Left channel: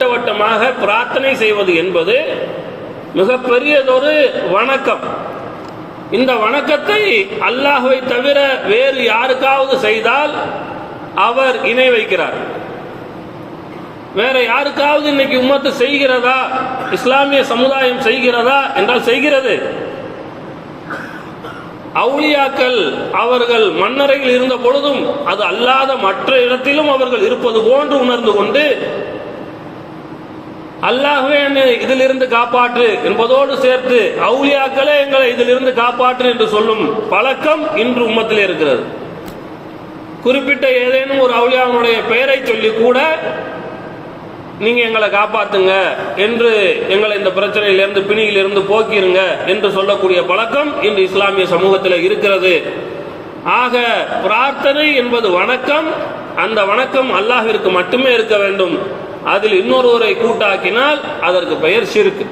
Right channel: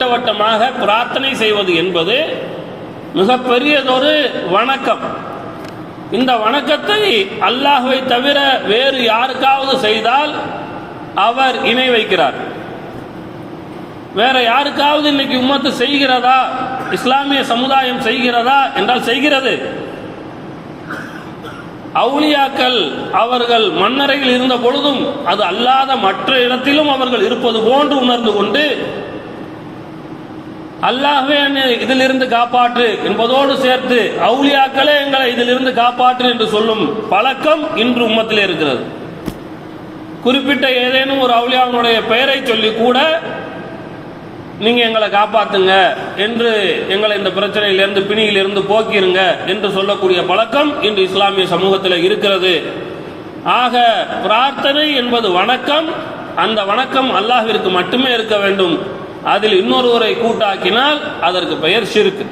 திட்டவட்டமாக பிரார்த்தனை செய்வது என்பது மிகப்பெரியதொரு வணக்கம். இந்த வணக்கத்தை அல்லாஹ்வை தவிர வேறு யாருக்காவது செய்தால் அவர் இணை வைக்கிறார். வேற யாருக்காவது இன்னைக்கு உம்மத்து செய்கிறதா, இஸ்லாமிய சமுதாயம் செய்கிறதா என்றால் செய்கிறது. அவுலியாக்கள் அவர்கள் மண்ணறையில் இருந்த பொழுதும் அது அல்லாத மற்ற இடத்திலும் அவர்கள் இருப்பது போன்று உணர்ந்து கொண்டு அல்லாஹ்வே என்னை இதிலிருந்து காப்பாற்று என்பதோடு சேர்த்து அவுலியாக்களே எங்களை இதிலிருந்து காப்பாற்று என்று சொல்லும் பழக்கம் இன்று உம்மத்தில் இருக்கிறது. குறிப்பிட்ட ஏதேனும் ஒரு அவுலியாவுடைய பெயரை சொல்லி கூட நீங்க எங்களை காப்பாத்துங்க என்று, எங்களை இந்த பிரச்சனையிலிருந்து பிணியிலிருந்து போக்கிருங்க என்று சொல்லக்கூடிய பழக்கம் இன்று இஸ்லாமிய சமூகத்தில் இருக்கிறது. ஆக பிரார்த்தனை என்பது வணக்கம். அந்த வணக்கம் அல்லாஹ்விற்கு மட்டுமே இருக்க வேண்டும். அதில் இன்னொருவரை கூட்டாக்கினால் அதற்கு பெயர் ஷிர்க்.